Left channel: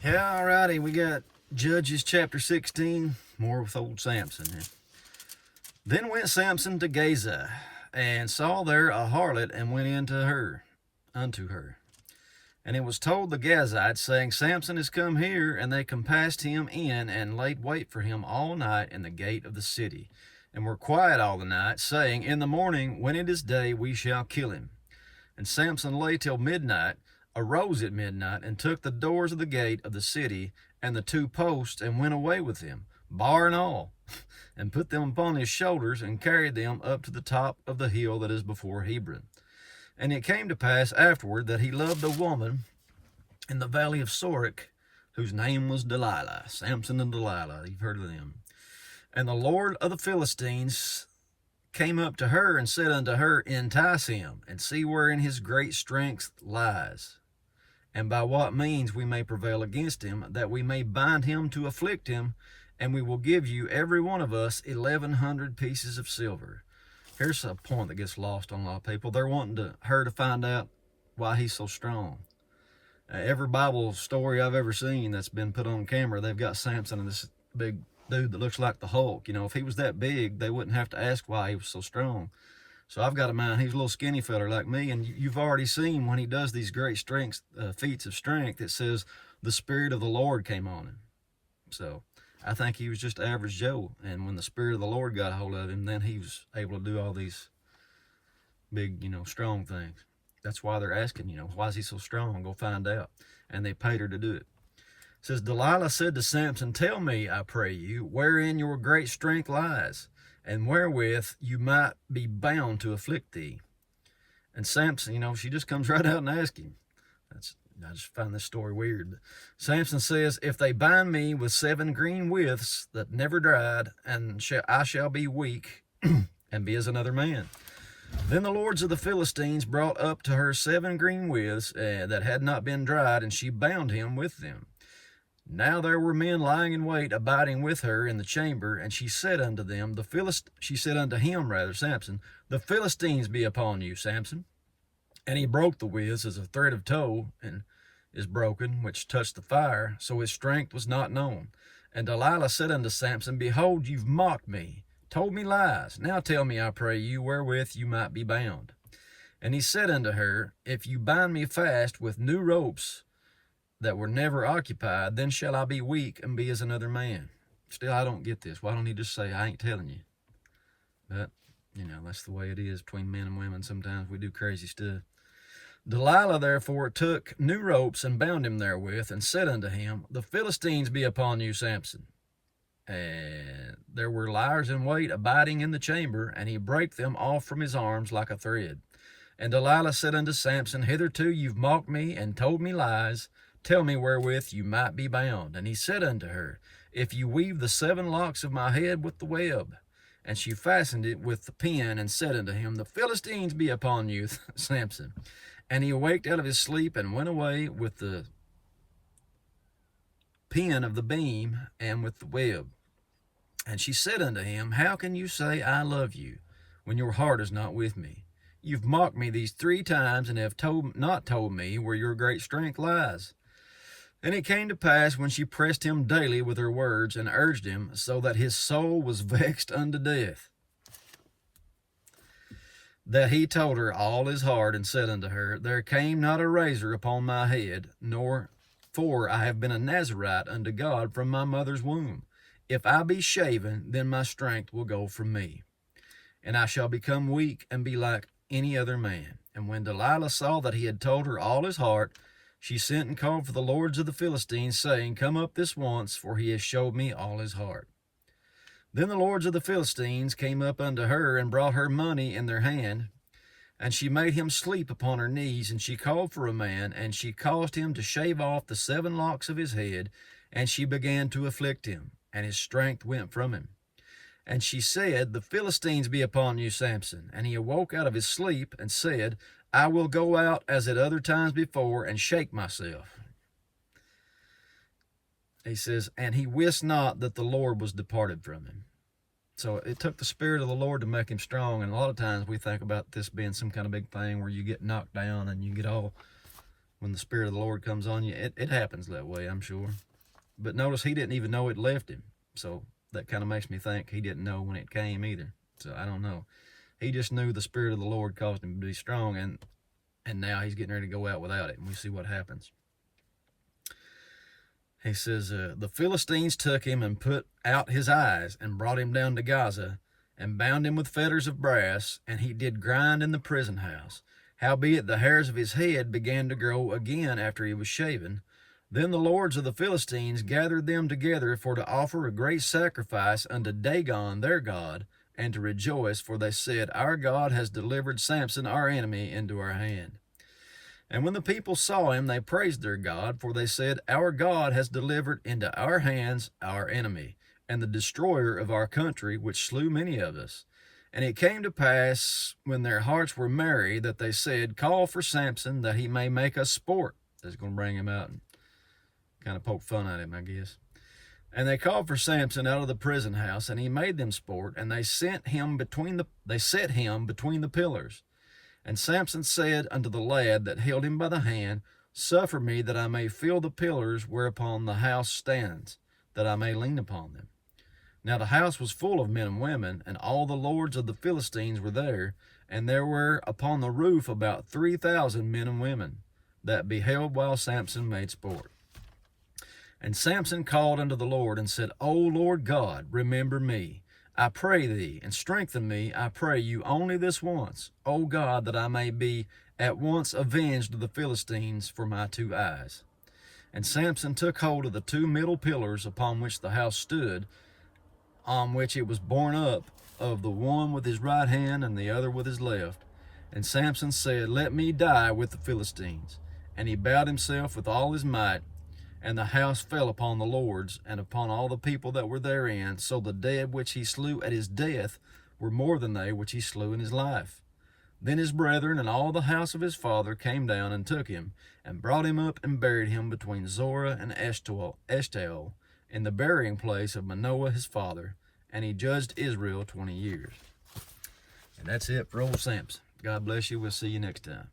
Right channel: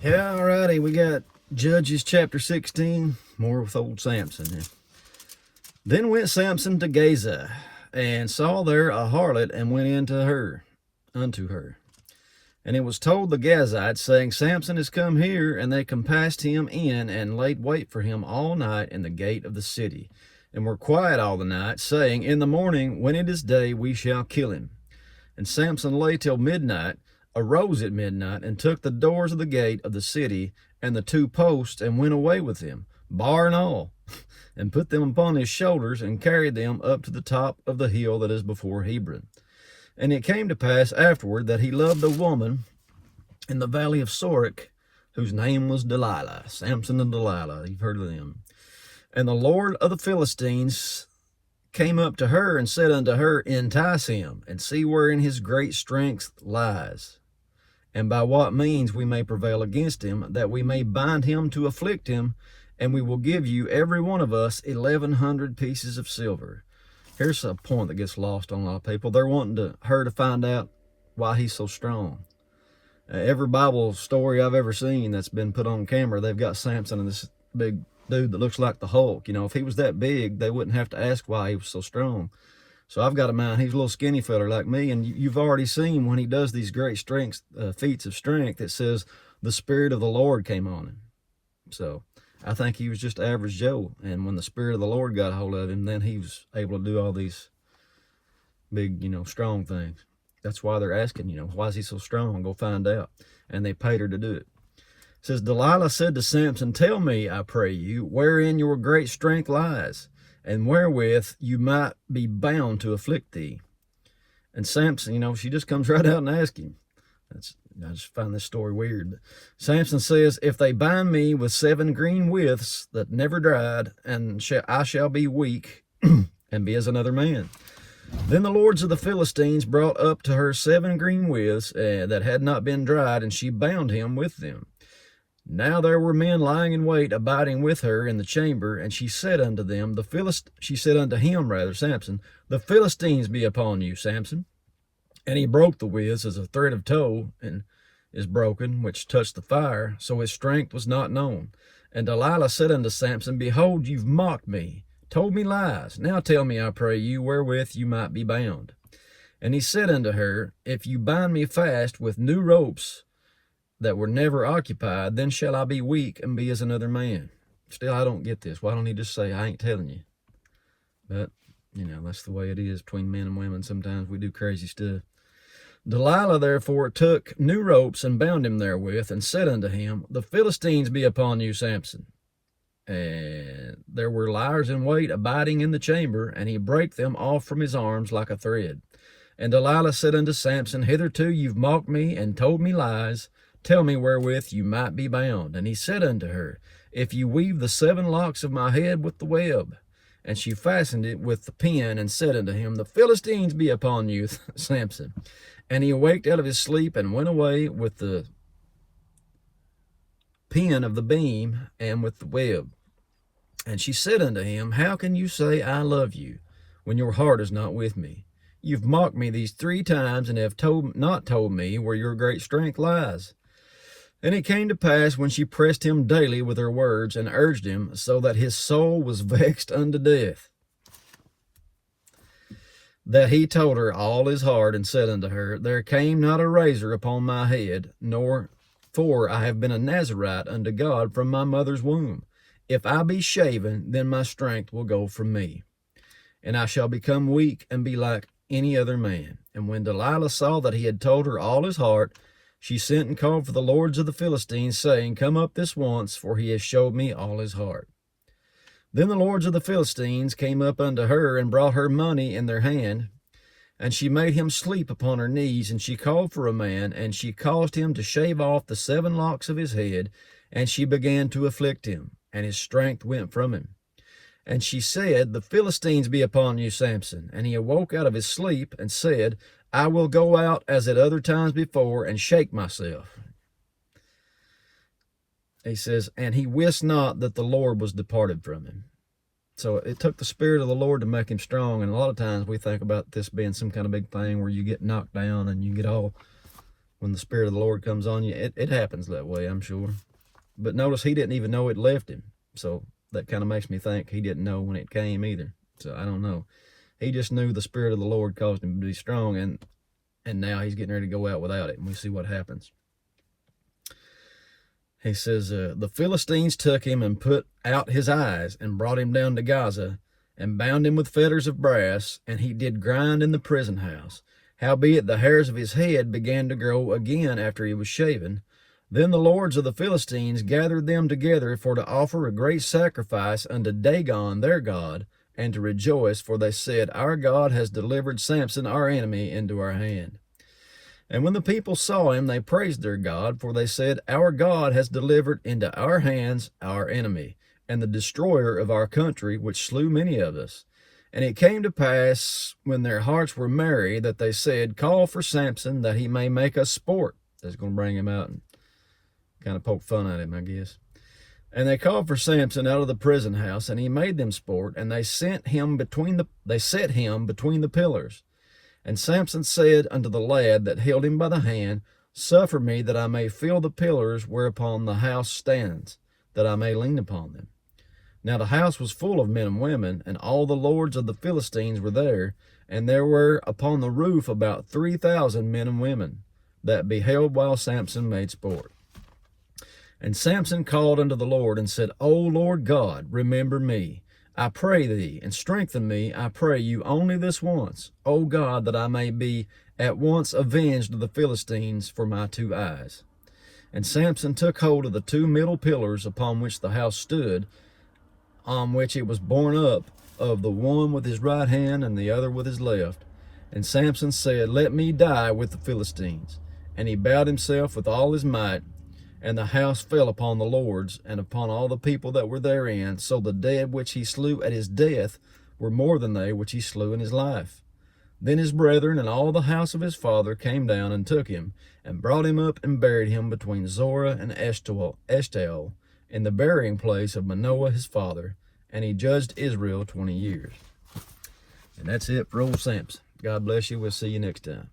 Yeah, alrighty, we got Judges chapter 16, more with old Samson here. Then went Samson to Gaza, and saw there a harlot, and went unto her. And it was told the Gazites, saying, Samson is come here, and they compassed him in, and laid wait for him all night in the gate of the city, and were quiet all the night, saying, In the morning, when it is day, we shall kill him. And Samson lay till midnight, arose at midnight, and took the doors of the gate of the city and the two posts, and went away with them, bar and all, and put them upon his shoulders, and carried them up to the top of the hill that is before Hebron. And it came to pass afterward that he loved a woman in the valley of Sorek, whose name was Delilah. Samson and Delilah, you've heard of them. And the Lord of the Philistines came up to her and said unto her, Entice him, and see wherein his great strength lies, and by what means we may prevail against him, that we may bind him to afflict him, and we will give you every one of us 1,100 pieces of silver. Here's a point that gets lost on a lot of people. They're wanting her to find out why he's so strong. Every Bible story I've ever seen that's been put on camera, they've got Samson and this big dude that looks like the Hulk. You know, if he was that big, they wouldn't have to ask why he was so strong. So I've got a mind, he's a little skinny fella like me, and you've already seen when he does these great feats of strength, it says the Spirit of the Lord came on him. So I think he was just average Joe, and when the Spirit of the Lord got a hold of him, then he was able to do all these big, strong things. That's why they're asking, why is he so strong? Go find out. And they paid her to do it. It says, Delilah said to Samson, Tell me, I pray you, wherein your great strength lies, and wherewith you might be bound to afflict thee. And Samson, she just comes right out and asks him. I just find this story weird. But Samson says, If they bind me with 7 green withs that never dried, and I shall be weak, and be as another man. Then the lords of the Philistines brought up to her 7 green withs that had not been dried, and she bound him with them. Now there were men lying in wait, abiding with her in the chamber, and she said unto them, Samson, the Philistines be upon you, Samson. And he broke the withs as a thread of tow and is broken, which touched the fire, so his strength was not known. And Delilah said unto Samson, Behold, you've mocked me, told me lies. Now tell me, I pray you, wherewith you might be bound. And he said unto her, If you bind me fast with new ropes that were never occupied, then shall I be weak and be as another man. Still, I don't get this. Why don't he just say, I ain't telling you? But, that's the way it is between men and women. Sometimes we do crazy stuff. Delilah therefore took new ropes and bound him therewith, and said unto him, The Philistines be upon you, Samson. And there were liers in wait abiding in the chamber, and he brake them off from his arms like a thread. And Delilah said unto Samson, Hitherto you've mocked me and told me lies. Tell me wherewith you might be bound. And he said unto her, If you weave the 7 locks of my head with the web. And she fastened it with the pin, and said unto him, The Philistines be upon you, Samson. And he awaked out of his sleep, and went away with the pin of the beam, and with the web. And she said unto him, How can you say, I love you, when your heart is not with me? You've mocked me these 3 times, and have not told me where your great strength lies. And it came to pass, when she pressed him daily with her words, and urged him, so that his soul was vexed unto death, that he told her all his heart, and said unto her, There came not a razor upon my head, for I have been a Nazarite unto God from my mother's womb. If I be shaven, then my strength will go from me, and I shall become weak and be like any other man. And when Delilah saw that he had told her all his heart, she sent and called for the lords of the Philistines, saying, Come up this once, for he has showed me all his heart. Then the lords of the Philistines came up unto her, and brought her money in their hand. And she made him sleep upon her knees, and she called for a man, and she caused him to shave off the 7 locks of his head, and she began to afflict him, and his strength went from him. And she said, The Philistines be upon you, Samson. And he awoke out of his sleep, and said, I will go out as at other times before, and shake myself. He says, and he wist not that the Lord was departed from him. So it took the Spirit of the Lord to make him strong. And a lot of times we think about this being some kind of big thing where you get knocked down and you get all when the Spirit of the Lord comes on you. It happens that way, I'm sure. But notice he didn't even know it left him. So that kind of makes me think he didn't know when it came either. So I don't know. He just knew the Spirit of the Lord caused him to be strong, and now he's getting ready to go out without it, and we see what happens. He says, the Philistines took him and put out his eyes and brought him down to Gaza and bound him with fetters of brass, and he did grind in the prison house. Howbeit the hairs of his head began to grow again after he was shaven. Then the lords of the Philistines gathered them together for to offer a great sacrifice unto Dagon their god, and to rejoice, for they said, Our God has delivered Samson our enemy into our hand. And when the people saw him, they praised their God, for they said, Our God has delivered into our hands our enemy, and the destroyer of our country, which slew many of us. And it came to pass, when their hearts were merry, that they said, Call for Samson, that he may make us sport. That's going to bring him out and kind of poke fun at him, I guess. And they called for Samson out of the prison house, and he made them sport, and they set him between the pillars. And Samson said unto the lad that held him by the hand, Suffer me that I may feel the pillars whereupon the house stands, that I may lean upon them. Now the house was full of men and women, and all the lords of the Philistines were there, and there were upon the roof about 3,000 men and women, that beheld while Samson made sport. And Samson called unto the Lord, and said, O Lord God, remember me, I pray thee, and strengthen me, I pray you, only this once, O God, that I may be at once avenged of the Philistines for my 2 eyes. And Samson took hold of the 2 middle pillars upon which the house stood, on which it was borne up, of the one with his right hand and the other with his left. And Samson said, Let me die with the Philistines. And he bowed himself with all his might, and the house fell upon the lords, and upon all the people that were therein. So the dead which he slew at his death were more than they which he slew in his life. Then his brethren and all the house of his father came down and took him, and brought him up and buried him between Zorah and Eshtaol, in the burying place of Manoah his father. And he judged Israel 20 years. And that's it for old Samson. God bless you. We'll see you next time.